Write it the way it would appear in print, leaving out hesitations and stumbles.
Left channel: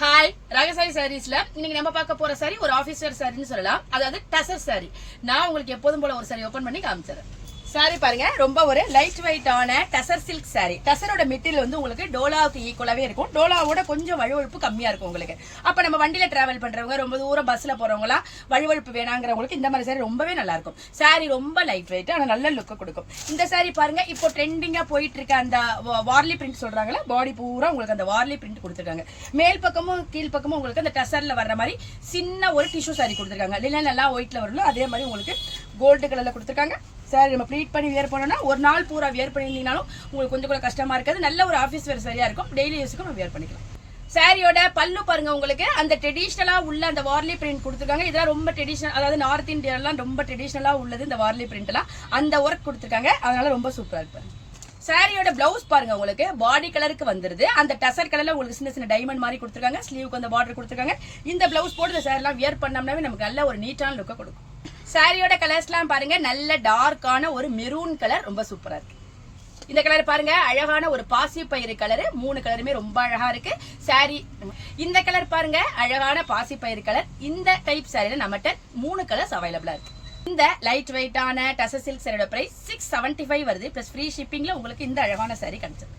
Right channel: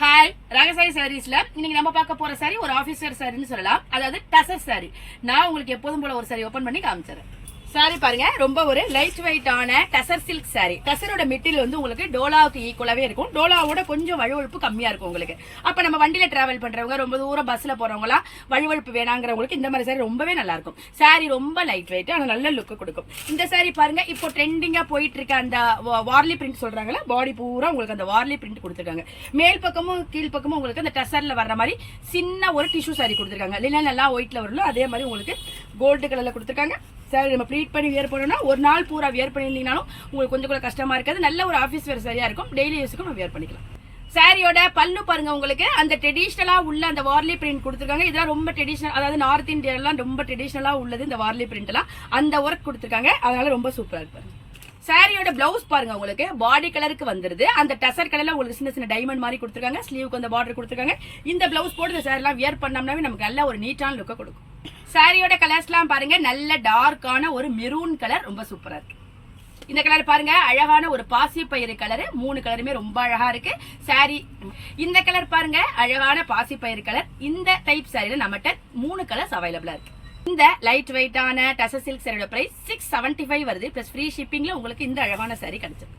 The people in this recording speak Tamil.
ஹாய் ராகசாயி சாரீஸ்ல இன்னைக்கு நம்ம பார்க்க போற சாரி ஒரு ஆபீசர் சாரின்னு சொல்லலாம். அதாவது டசர் சாரி. நான் உங்களுக்கு எப்போதும் போல ஒரு சாரி ஓபன் பண்ணி காமிச்சிடுறேன். சாரி பாருங்க, ரொம்ப ஒரு லைட் வெயிட்டான டசர் சில்க் சாரி. டசரோட மெட்டீரியல் வந்து உங்களுக்கு டோலாவுக்கு ஈக்குவலாவே இருக்கும். டோலாவோட கொஞ்சம் வழுவழுப்பு கம்மியா இருக்கும் உங்களுக்கு. அப்ப நம்ம வண்டியில டிராவல் பண்றவங்க, ரொம்ப தூரம் பஸ்ல போறவங்க வழுவழுப்பு வேணாங்கிறவங்களுக்கு இந்த மாதிரி சாரி ரொம்பவே நல்லா இருக்கும். சாரி ரொம்ப லைட் வெயிட், ஆனா நல்ல லுக் கொடுக்கும். இந்த சாரி பாருங்க, இப்போ ட்ரெண்டிங்கா போயிட்டு இருக்க அந்த வார்லி பிரிண்ட் சொல்றாங்கல்ல, பாடி பூரா உங்களுக்கு அந்த வார்லி பிரிண்ட் கொடுத்துருக்காங்க. மேல் பக்கமும் கீழ் பக்கமும் உங்களுக்கு அந்த டசர்ல வர்ற மாதிரி சின்ன ஒரு டிஷ்யூ சாரி கொடுத்துருக்காங்க. லினன் எல்லாம் ஒயிட்ல வரணும், அதே மாதிரி உங்களுக்கு கோல்டு கலர்ல கொடுத்துருக்காங்க. சாரி நம்ம ப்ளீட் பண்ணி வியர் பண்ணோம்னா ஒரு நாள் பூரா வியர் பண்ணியிருந்தீங்கனாலும் உங்களுக்கு கொஞ்சம் கூட கஷ்டமா இருக்காது. நல்ல ஒரு ஆஃபீஸ் வேர் சரியா இருக்கும். டெய்லி யூஸுக்கும் நம்ம வியர் பண்ணிக்கலாம். சாரியோட பல்லு பாருங்க, உங்களுக்கு அந்த ட்ரெடிஷனலா உள்ள அந்த வார்லி பிரிண்ட் கொடுத்துருக்காங்க. இதெல்லாம் ரொம்ப ட்ரெடிஷனல், அதாவது நார்த் இந்தியாலாம் ரொம்ப ட்ரெடிஷனலா உள்ளது இந்த வார்லி பிரிண்ட் எல்லாம். அந்த ஒர்க் கொடுத்துருக்காங்க, அதனால ரொம்ப சூப்பரா இருப்பாங்க. சாரியோட பிளவுஸ் பாருங்க, உங்களுக்கு பாடி கலருக்கு வந்துருது. அந்த டசர் கலர்ல உங்களுக்கு சின்ன சின்ன டைமண்ட் மாதிரி கொடுத்துருக்காங்க. ஸ்லீவுக்கு அந்த பார்டர் கொடுத்துருக்காங்க. இந்த பிளவுஸ் போட்டு இந்த சாரி எல்லாம் வியர் பண்ணோம்னாவே நமக்கு நல்ல ஒரு நீட்டான லுக்கை கொடுக்கும். சாரியோட கலர்ஸ்லாம் பாருங்க, நல்ல டார்க்கான ஒரு மெரூன் கலர், ரொம்ப சூப்பரா இருக்கு. இந்த கலர் பாருங்க, அழகான ஒரு பாசி பயிறு கலர். 3 கலருமே ரொம்ப அழகா இருக்கு. சாரி இந்த கலர் பாருங்க, அழகான பாசி பயிறு கலர். இந்த டைப் சாரியில நம்மகிட்ட 3 கலர்ஸ் அவைலபிளா இருக்கு. இந்த லைட் வெயிட்டான டசர் சில்க் சாரியோட பிரைஸ் 675 வருது. பிளஸ் ஃப்ரீ ஷிப்பிங்ல உங்களுக்கு இந்த அழகான சாரி கிடைச்சிருக்கு.